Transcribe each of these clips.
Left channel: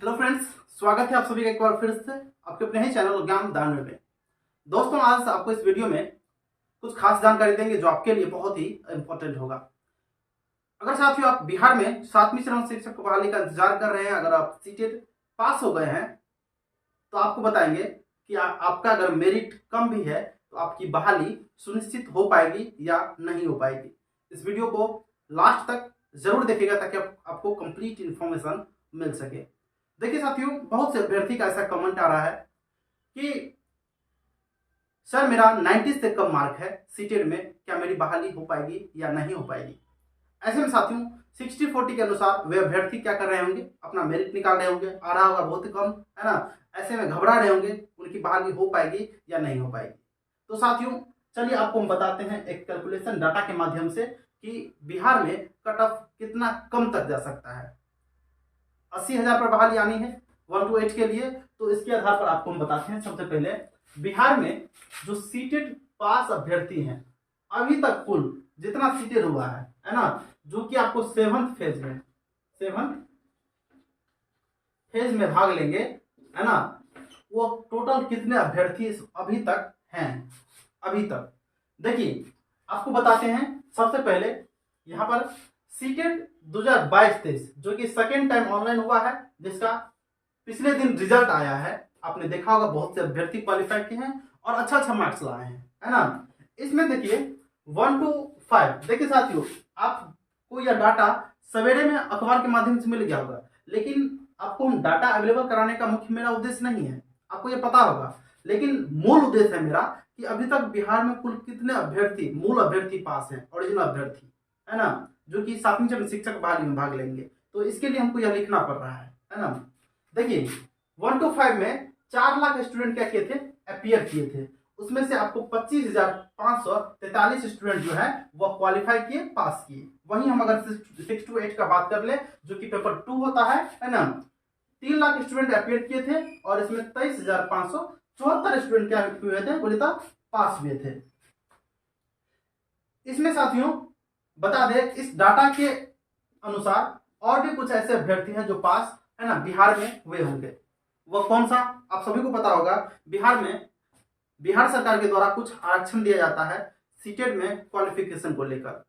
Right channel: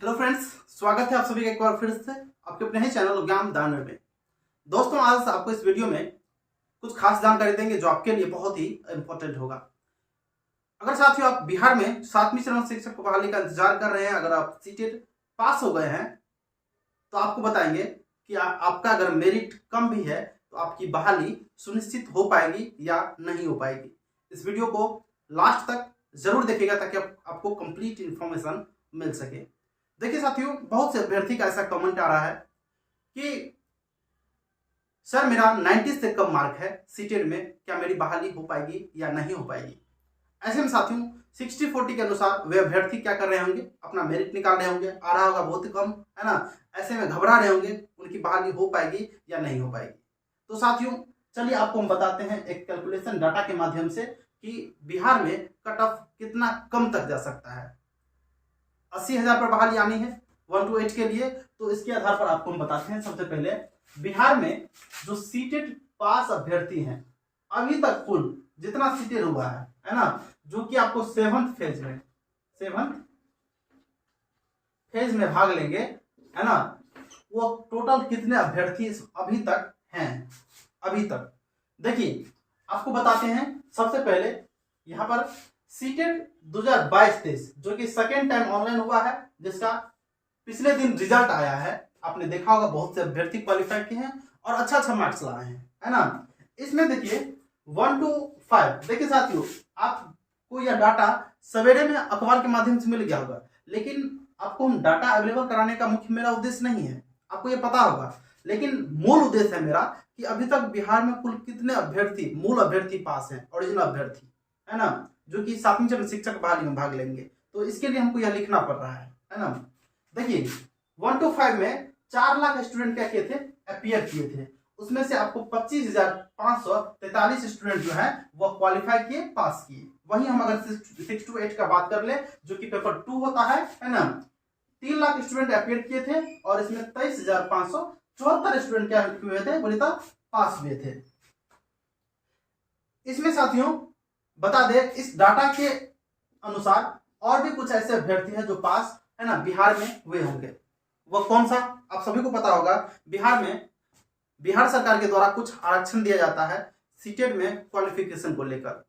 Hello friends, स्वागत है आप सभी का एक बार फिर से आपके अपने ही चैनल ज्ञान दानवे में। दोस्तों, आज आपको इस वीडियो में कुछ खास जानकारी देंगे जो आपके लिए बहुत ही इंपॉर्टेंट होगा। अगर साथियों आप बिहार में 7वीं चरण शिक्षक बहाली का इंतजार कर रहे हैं, अगर आप सीटेट पास हो गए हैं तो आपको बताएंगे कि आपका अगर मेरिट कम भी है तो आपकी बहाली सुनिश्चित हो पाएगी या नहीं हो पाएगी। इस वीडियो को लास्ट तक जरूर देखिएगा ताकि आपको कंप्लीट इंफॉर्मेशन मिल सके। देखिए साथियों, बहुत से अभ्यर्थी का ऐसा कमेंट आ रहा है कि सर मेरा 90 से कम मार्क है सीटेट में, क्या मेरी बहाली हो पाएगी या नहीं हो पाएगी। ऐसे में साथियों 60-40 के अनुसार वे अभ्यर्थी क्या कर रहे होंगे, अपना मेरिट निकाल रहे होंगे, आ रहा होगा बहुत ही कम, है ना। ऐसे में घबरा रहे होंगे उनकी बहाली हो पाएगी या नहीं हो पाएगी। तो साथियों चलिए आपको हम बताते हैं एक कैलकुलेशन डाटा के माध्यम से कि बिहार में कट ऑफ कितना कम तक जा सकता है। 80,000 पर बहाली आनी है 1 to 8 के लिए, तो इसके आधार पर आपको हम बताते हैं। सबसे पहले बिहार में जो सीटेट पास अभ्यर्थी हैं अभी तक कुल जितना सीटेट हुआ है ना, जो कि आपको 7th फेज में भाग लेंगे, है ना, वो टोटल कितने अभ्यर्थी अभी तक हैं। अभी तक देखिए आपको बताते हैं। सबसे पहले यहां पर सीटेट 2022-23 जो कि सेकेंड टाइम ऑनलाइन हुआ है, जिसका पिछले दिन रिजल्ट आया है। आपने देखा होगा बहुत से अभ्यर्थी क्वालिफाई किए हैं और अच्छा मार्क्स लाए हैं, है ना। इसमें देखिए 1 to 5, देखिए साथियों आपको यह डाटा सवेरे में अखबार के माध्यम से मिल गया होगा, लेकिन आपको हम डाटा अवेलेबल कराने का मुख्य मेरा उद्देश्य नहीं है, आपको यह पता होगा। लेकिन मूल उद्देश्य है मेरा कि अभी तक बिहार में कुल कितने अभ्यर्थी मूल अभ्यर्थी पास हैं, ओरिजिनल अभ्यर्थी, है ना, जो कि 7वीं चरण शिक्षक बहाली में भाग लेंगे। तो इसके लिए हमको यह लिखना पड़ रहा है ना। देखिए 1 to 5 में 4 लाख स्टूडेंट क्या किए थे, अपीयर किए थे। उसमें से आपको 25,543 स्टूडेंट जो है वो क्वालिफाई किए, पास किए। वहीं हम अगर 6 to 8 का बात कर ले, जो कि पेपर 2 होता है ना, 3 लाख स्टूडेंट अपीयर किए थे और इसमें 23,574 स्टूडेंट क्या हुए थे, बोले था पास हुए थे। इसमें साथियों बता दें, इस डाटा के अनुसार और भी कुछ ऐसे अभ्यर्थी हैं जो पास, है ना, बिहार में हुए होंगे। वह कौन सा आप सभी को पता होगा। बिहार में बिहार सरकार के द्वारा कुछ आरक्षण दिया जाता है सीटेट में क्वालिफिकेशन को लेकर,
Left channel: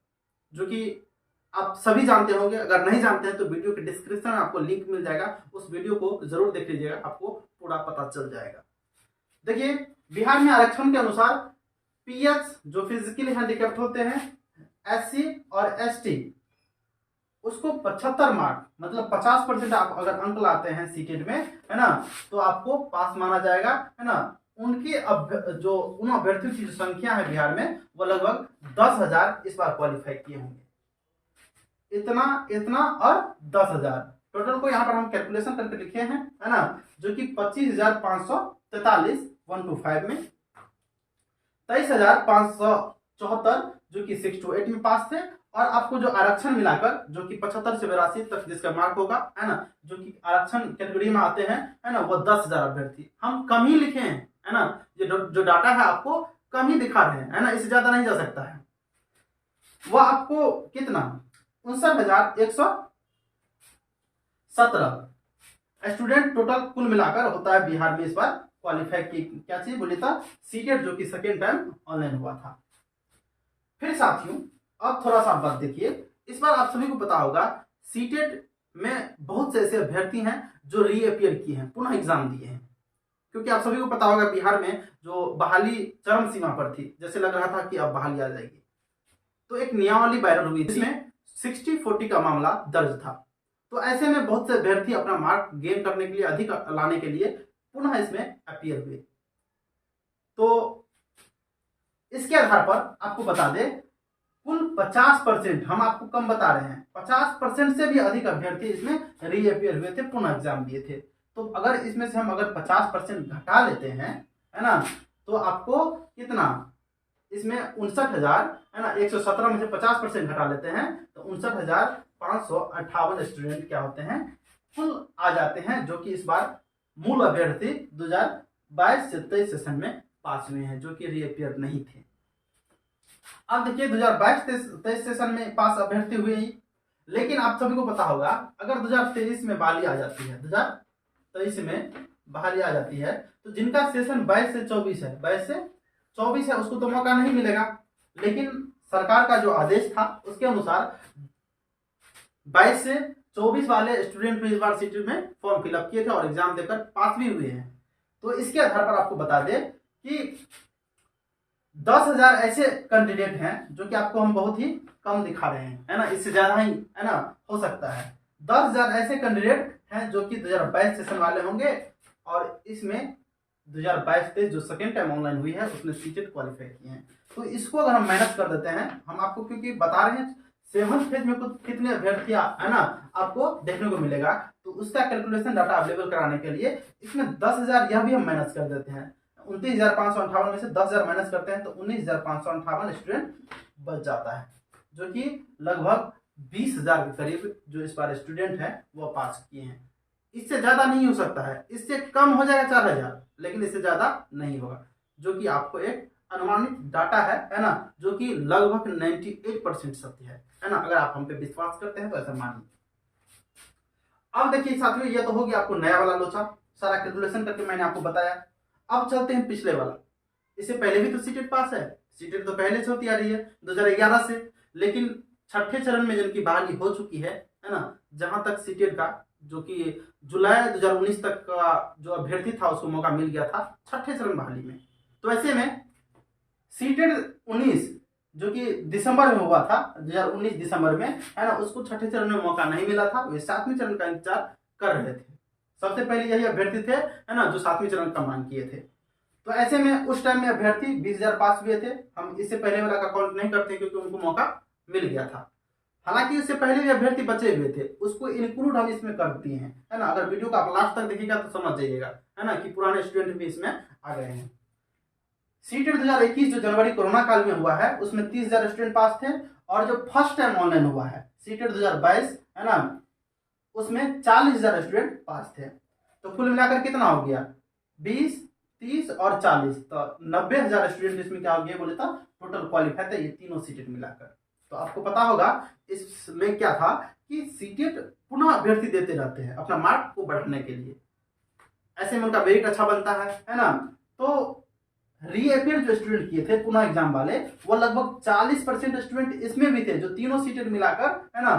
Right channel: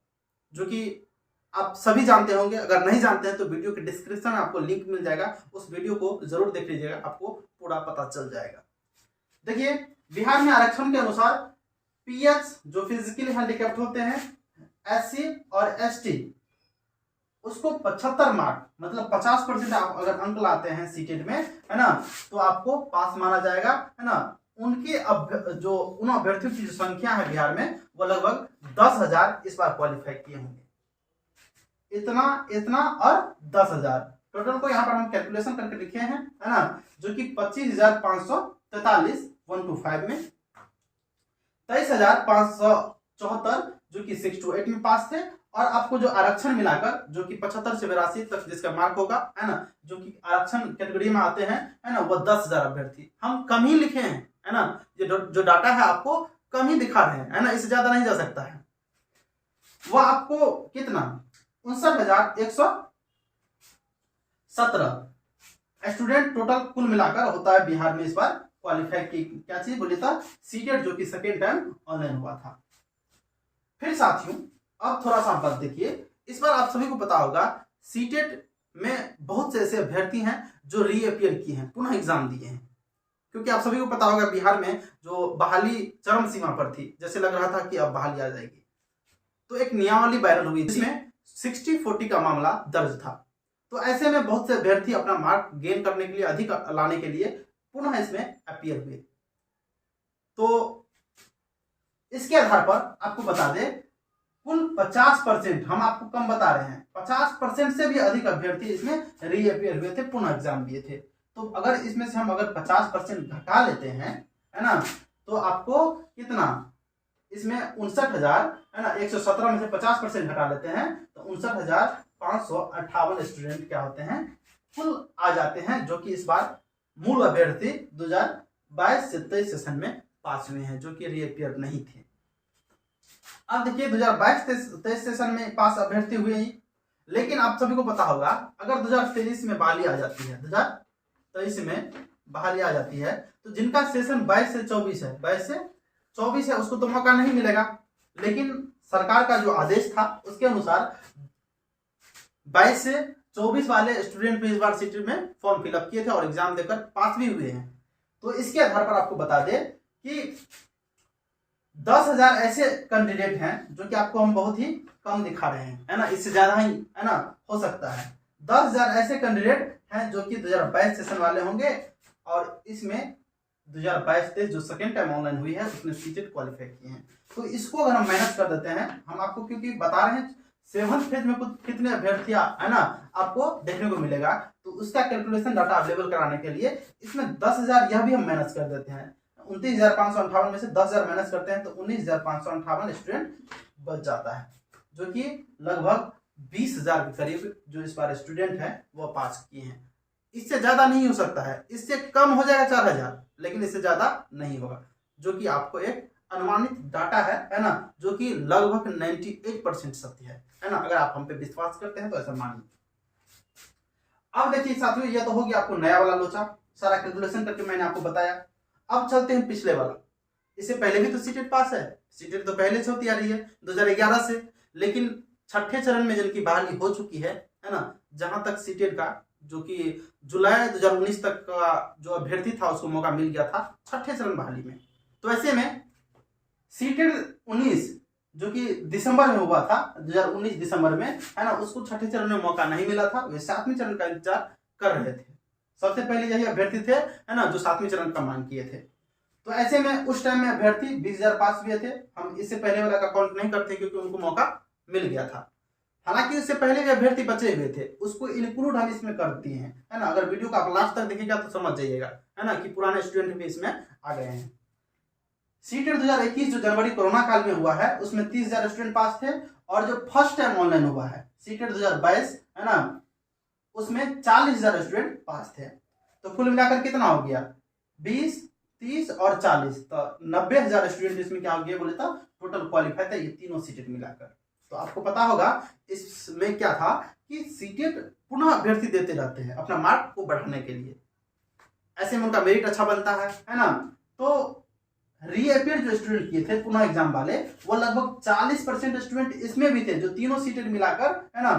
जो कि आप सभी जानते होंगे। अगर नहीं जानते हैं तो वीडियो के डिस्क्रिप्शन में आपको लिंक मिल जाएगा, उस वीडियो को जरूर देख लीजिएगा, आपको पूरा पता चल जाएगा। देखिए बिहार में आरक्षण के अनुसार पीएच जो फिजिकली हैंडीकैप्ड होते हैं, एससी और एसटी, उसको 75 मार्क मतलब 50% आप अगर अंक लाते हैं सीटेट में, है ना, तो आपको पास माना जाएगा, है ना। उनके उन अभ्यर्थियों की जो संख्या है बिहार में वो लगभग 10,000 इस बार क्वालिफाई किए होंगे। इतना और 10,000 टोटल को यहाँ पर हम कैलकुलेशन करके लिखे हैं, है ना, जो कि 25,543 1 to 5 में, 23,574 जो कि 6 to 8 में पास थे, और आपको जो आरक्षण मिलाकर जो कि 75 से 82 तक जिसका मार्क होगा, है ना, जो कि आरक्षण कैटेगरी में आते हैं, है ना, वो 10,000 अभ्यर्थी। हम कम ही लिखे हैं, है ना, ये जो डाटा है आपको कम ही दिखा रहे हैं, है ना, इससे ज्यादा नहीं जा सकता है। वो आपको कितना 59,117 स्टूडेंट टोटल कुल मिलाकर होता है बिहार में इस बार क्वालिफाई की। क्या चीज बोले था, सीटेट जो कि सेकेंड टाइम ऑनलाइन हुआ था। फिर साथियों अब थोड़ा सा बात देखिए, इस बार आप सभी को पता होगा सीटेट में बहुत से ऐसे अभ्यर्थी हैं जो रीअपियर किए हैं, पुनः एग्जाम दिए हैं। क्योंकि आप सभी को पता होगा बिहार में जो बहाली चरम सीमा पर थी, जैसे लग रहा था कि अब बहाली आ जाएगी, तो एक नियमावली वायरल हुई जिसमें 60-40 का मामला दर्ज था। तो ऐसे में बहुत से अभ्यर्थी अपना मार्क गेन करने के लिए, अधिक लाने के लिए पुनः इसमें अपीयर हुए। तो इसके आधार पर आपको बता दें कुल 50%, हम आपको कम बता रहे हैं, 50% से भी अधिक अभ्यर्थी इसमें रीअपियर हुए थे, पुनः एग्जाम दिए थे। तो अगर इसमें से हम अगर 50% घटा लेते हैं, है ना, तो आपको कितना इसमें 59,000, है ना, 117 में से 50% घटा लेते हैं तो 59,558 स्टूडेंट क्या होते हैं, कुल आ जाते हैं, जो कि इस बार मूल अभ्यर्थी 2022 से 23 सेशन में पास हुए हैं, जो कि रीअपियर नहीं थे। अब देखिए 2022-23 सेशन में पास अभ्यर्थी हुए ही, लेकिन आप सभी को पता होगा अगर 2023 में बहाली आ जाती है, 23 में बहाली आ जाती है, तो जिनका सेशन 22 से 24 है, 22 से 24 है, उसको तो मौका नहीं मिलेगा। लेकिन सरकार का जो आदेश था उसके अनुसार 22 से 24 वाले स्टूडेंट भी इस बार सीटी में फॉर्म फिलअप किए थे और एग्जाम देकर पास भी हुए हैं। तो इसके आधार पर आपको बता दें कि 10,000 ऐसे कैंडिडेट हैं जो कि आपको हम बहुत ही कम दिखा रहे हैं, है ना, इससे ज्यादा ही, है ना, हो सकता है। 10,000 ऐसे कैंडिडेट हैं जो कि 2022 सेशन वाले होंगे और इसमें 2022-23 जो सेकेंड टाइम ऑनलाइन हुई है उसमें सीटेट क्वालिफाई किए हैं। तो इसको अगर हम मैनेज कर देते हैं, हम आपको क्योंकि बता रहे हैं 7th फेज में कुछ कितने अभ्यर्थियां, है ना, आपको देखने को मिलेगा, तो उसका कैलकुलेशन डाटा अवेलेबल कराने के लिए इसमें 10,000 यह भी हम मैनेज कर देते हैं। 29,558 में से 10,000 माइनस करते हैं तो 19,558 स्टूडेंट बच जाता है, जो कि लगभग 20,000 के करीब जो इस बार स्टूडेंट है वो पास किए हैं। इससे ज्यादा नहीं हो सकता है, इससे कम हो जाएगा 4,000, लेकिन इससे ज्यादा नहीं होगा, जो कि आपको एक अनुमानित डाटा है ना, जो कि लगभग 98% सत्य है ना। अगर आप हम पे विश्वास करते हैं तो ऐसा मानिए। अब देखिए साथियों, यह तो हो गया आपको नया वाला लोचा, सारा कैलकुलेशन करके मैंने आपको बताया। अब चलते हैं पिछले वाला। इससे पहले भी तो सीटेट पास है, सीटेट तो पहले से होती आ रही है 2011 से, लेकिन छठे चरण में जिनकी बहाली हो चुकी है ना, जहां तक सीटेट का जो कि जुलाई 2019 तक का जो अभ्यर्थी था उसको मौका मिल गया था छठे चरण बहाली में। तो ऐसे में सीटेट 19 जो कि दिसंबर में हुआ था, 2019 दिसंबर में, है ना, उसको छठे चरण में मौका नहीं मिला था, वे 7वें चरण का इंतजार कर रहे थे। सबसे पहले यही अभ्यर्थी थे, है ना, जो 7वें चरण का मांग किए थे। तो ऐसे में उस टाइम में अभ्यर्थी 20,000 पास हुए थे। हम इससे पहले वाला का काउंट नहीं करते क्योंकि उनको मौका मिल गया था। हालांकि इससे पहले भी अभ्यर्थी बचे हुए थे, उसको इंक्लूड हम इसमें कर दिए हैं, है ना। अगर वीडियो को आप लास्ट तक देखिएगा तो समझ जाइएगा, है ना, कि पुराने स्टूडेंट भी इसमें आ गए हैं। सीटेट 2021 जो जनवरी कोरोना काल में हुआ है उसमें 30,000 स्टूडेंट पास थे, और जो फर्स्ट टाइम ऑनलाइन हुआ है सीटेट 2022, है ना, उसमें 40,000 स्टूडेंट पास थे। तो कुल मिलाकर कितना हो गया, 20, 30 और 40, तो 90,000 स्टूडेंट इसमें क्या हो गया बोले तो टोटल क्वालिफाई था, ये तीनों सीटेट मिलाकर। तो आपको पता होगा इसमें क्या था कि सीटेट पुनः अभ्यर्थी देते रहते हैं अपना मार्क को बढ़ाने के लिए, ऐसे में उनका मेरिट अच्छा बनता है ना। तो रीअपियर जो स्टूडेंट किए थे पुनः एग्जाम वाले, वो लगभग 40% स्टूडेंट इसमें भी थे जो तीनों सीटेट मिलाकर, है ना,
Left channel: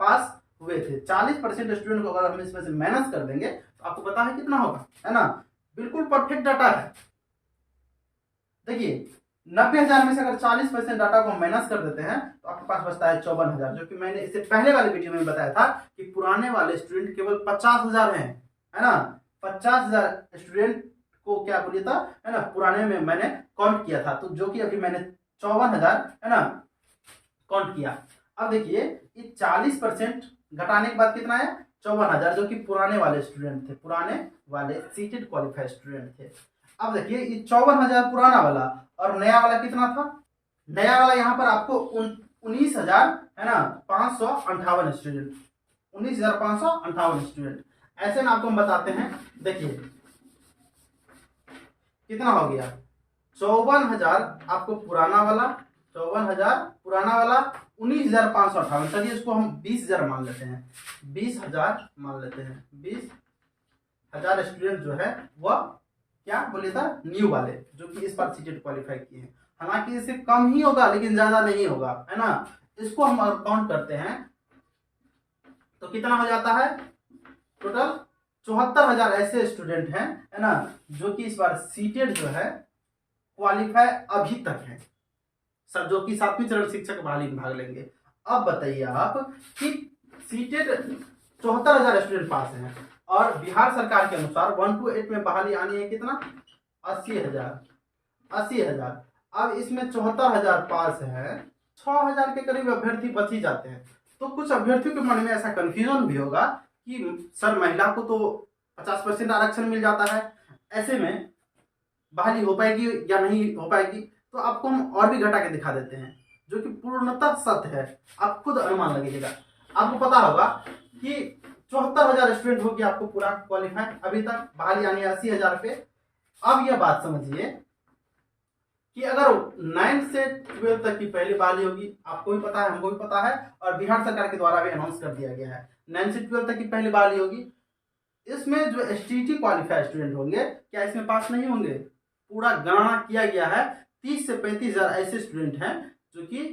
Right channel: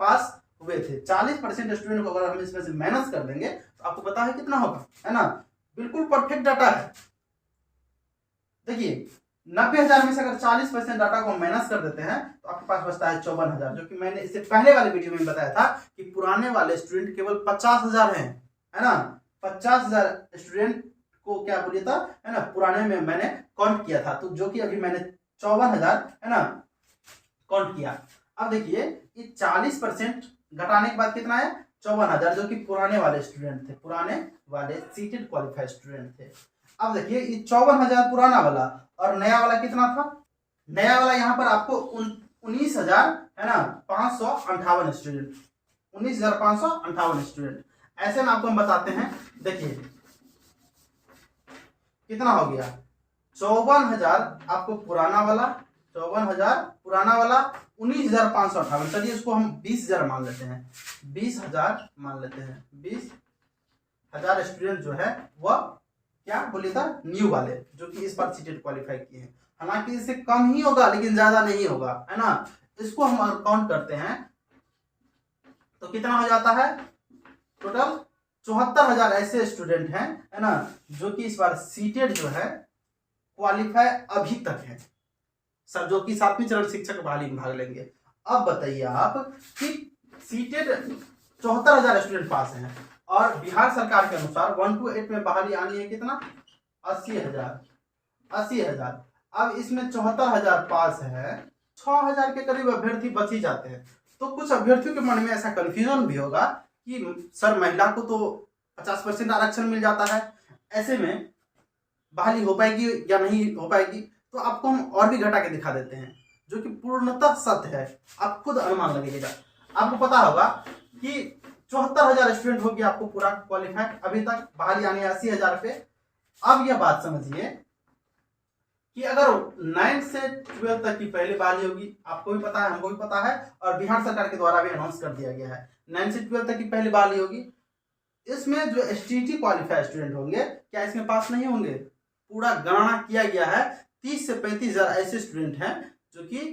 पास हुए थे। 40% स्टूडेंट को अगर हम इसमें से माइनस कर देंगे तो आपको पता है कितना होगा, है ना, बिल्कुल परफेक्ट डाटा है। देखिए 90,000 में से अगर 40% डाटा को माइनस कर देते हैं तो आपके पास बचता है 54,000, जो कि मैंने इससे पहले वाले वीडियो में बताया था कि पुराने वाले स्टूडेंट केवल 50,000 हैं, है ना। 50,000 स्टूडेंट को क्या बोलिए था, है ना, पुराने में मैंने काउंट किया था, तो जो कि अभी मैंने 54,000, है ना, काउंट किया। अब देखिए ये 40% घटाने के बाद कितना है, 54,000, जो कि पुराने वाले स्टूडेंट थे, पुराने वाले सीटेड क्वालिफाइड स्टूडेंट थे। अब देखिए ये 54,000 पुराना वाला और नया वाला कितना था, नया वाला यहाँ पर आपको 19,000, है ना, 558 स्टूडेंट, 19,558 स्टूडेंट। ऐसे में आपको हम बताते हैं, देखिए कितना हो गया, 54,000 आपको पुराना वाला, 54,000 पुराना वाला, 19,558, चलिए इसको हम 20,000 मान लेते हैं, 20,000 मान लेते हैं, 20,000 स्टूडेंट जो है वह क्या बोले था, न्यू वाले, जो कि इस बार सीटेट क्वालिफाई किए हैं। हालांकि इससे कम ही होगा लेकिन ज्यादा नहीं होगा, है ना। इसको हम काउंट करते हैं तो कितना हो जाता है, टोटल 74,000 ऐसे स्टूडेंट हैं, है ना, जो कि इस बार सीटेट जो है क्वालिफाई अभी तक है सर, जो कि 7वें चरण शिक्षक बहाली में भाग लेंगे। अब बताइए आप कि सीटेट 74,000 स्टूडेंट पास हैं और बिहार सरकार के अनुसार 1 to 8 में बहाली आनी है कितना, 80,000। अब इसमें 74,000 पास है, 6,000 के करीब अभ्यर्थी बच ही जाते हैं। तो कुछ अभ्यर्थियों के मन में ऐसा कंफ्यूजन भी होगा कि सर महिला को तो 50% आरक्षण मिल जाता है, ऐसे में बहाली हो पाएगी या नहीं हो पाएगी। तो आपको हम और भी घटा के दिखा देते हैं जो कि पूर्णतः सत्य है, आप खुद अनुमान लगाइएगा। आपको पता होगा कि 74,000 स्टूडेंट हो गया आपको पूरा क्वालिफाइड, अभी तक बहाली आनी है 80,000 पे। अब यह बात समझिए कि अगर 9 से 12 तक की पहली बहाली होगी, आपको भी पता है, हमको भी पता है, और बिहार सरकार के द्वारा भी अनाउंस कर दिया गया है 9 से 12 तक की पहली बहाली होगी। इसमें जो STT क्वालिफाइड स्टूडेंट होंगे क्या इसमें पास नहीं होंगे? पूरा गणना किया गया है, 30 से 35 हजार ऐसे स्टूडेंट हैं जो कि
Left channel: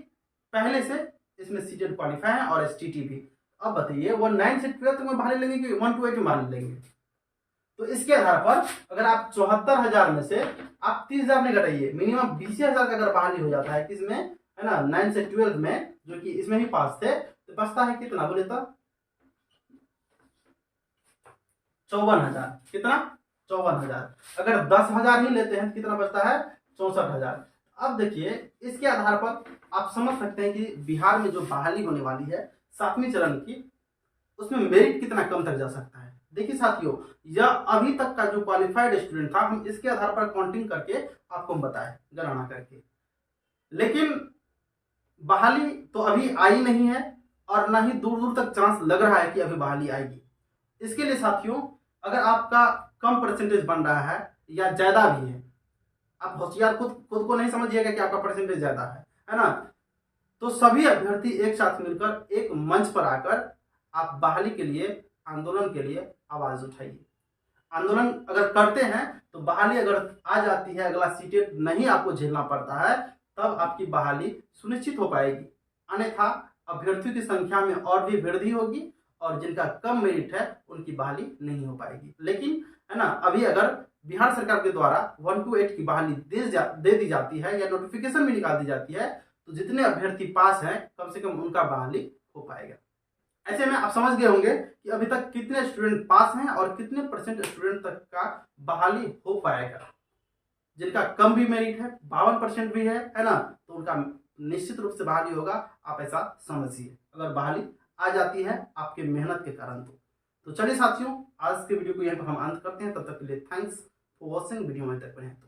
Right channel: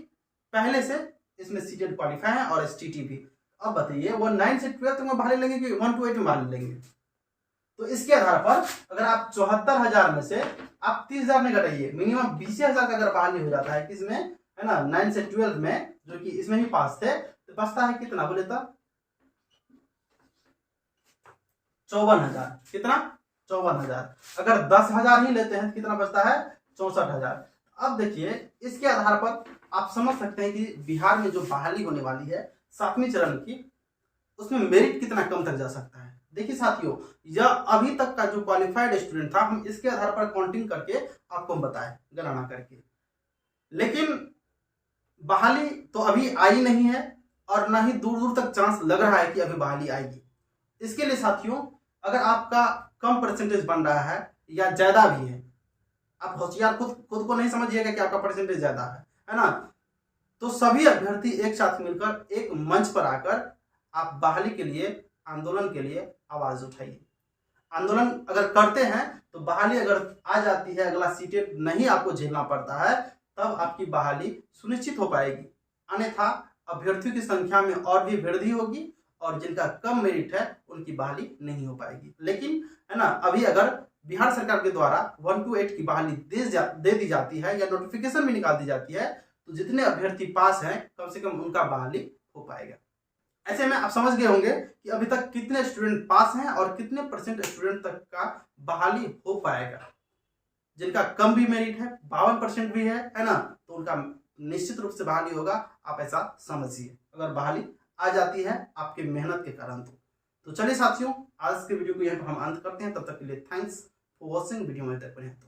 पहले से इसमें सीटेड क्वालिफाई है और STT भी। अब बताइए वो 9 से 12 में भाग लेंगे कि 1 to 8 में भाग लेंगे? तो इसके आधार पर अगर आप 74,000 में से आप 30,000 में घटाइए, मिनिमम 20,000 का अगर बहाली हो जाता है किसमें, है ना, 9 से 12 में, जो कि इसमें ही पास थे, तो बचता है कितना बोले तो 54,000। कितना? 54,000। अगर 10,000 ही लेते हैं तो कितना बचता है? 64,000। अब देखिए इसके आधार पर आप समझ सकते हैं कि बिहार में जो बहाली होने वाली है 7वीं चरण की, उसमें मेरिट कितना कम तक जा सकता है। देखिए साथियों, यह अभी तक का जो क्वालिफाइड स्टूडेंट था, हम इसके आधार पर काउंटिंग करके आपको हम बताएं, गणना करके। लेकिन बहाली तो अभी आई नहीं है और ना ही दूर दूर तक चांस लग रहा है कि अभी बहाली आएगी। इसके लिए साथियों, अगर आपका कम परसेंटेज बन रहा है या ज्यादा भी है, आप होशियार खुद को नहीं समझिएगा कि आपका परसेंटेज ज्यादा है ना, तो सभी अभ्यर्थी एक साथ मिलकर एक मंच पर आकर आप बहाली के लिए, आंदोलन के लिए आवाज उठाइए। आंदोलन अगर करते हैं तो बहाली अगर आ जाती है, अगला सीटें नहीं आपको झेलना पड़ता है, तब आपकी बहाली सुनिश्चित हो पाएगी। अन्यथा अभ्यर्थियों की संख्या में और भी वृद्धि होगी और जिनका कम मेरिट है उनकी बहाली नहीं हो पाएगी। लेकिन है ना, अभी अगर बिहार सरकार के द्वारा 1 to 8 की बहाली दे दी जाती है या नोटिफिकेशन भी निकाल दी जाती है, तो जितने अभ्यर्थी पास हैं कम से कम उनका बहाली हो पाएगा। ऐसे में आप समझ गए होंगे कि अभी तक कितने स्टूडेंट पास हैं और कितने परसेंट स्टूडेंट तक का बहाली हो पाएगा। जिनका कम भी मेरिट है, 52% भी है ना, तो उनका निश्चित रूप से बहाली होगा। आप ऐसा समझिए, अगर बहाली आ जाती है आपके मेहनत के कारण। तो चलिए साथियों, आज के वीडियो को यहाँ पर हम अंत करते हैं। तब तक के लिए थैंक्स फॉर वॉचिंग। वीडियो में तक बने तो